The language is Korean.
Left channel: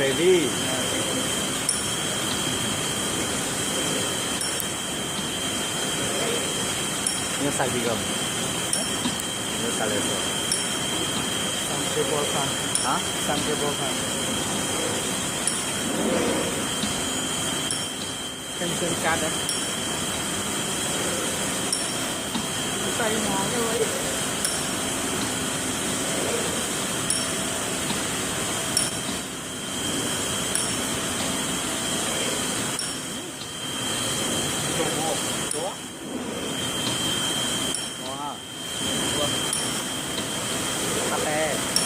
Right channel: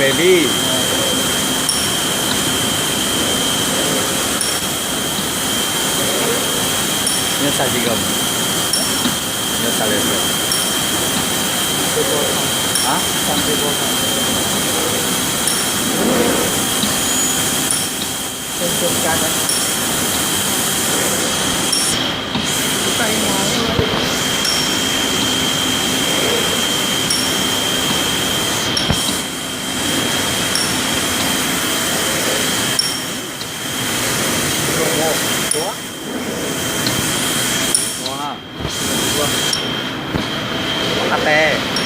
เบลลี่몇 살 지금? 몇 살에서? 아? เป็นโครงการนะไปหมอตัว와. 카페.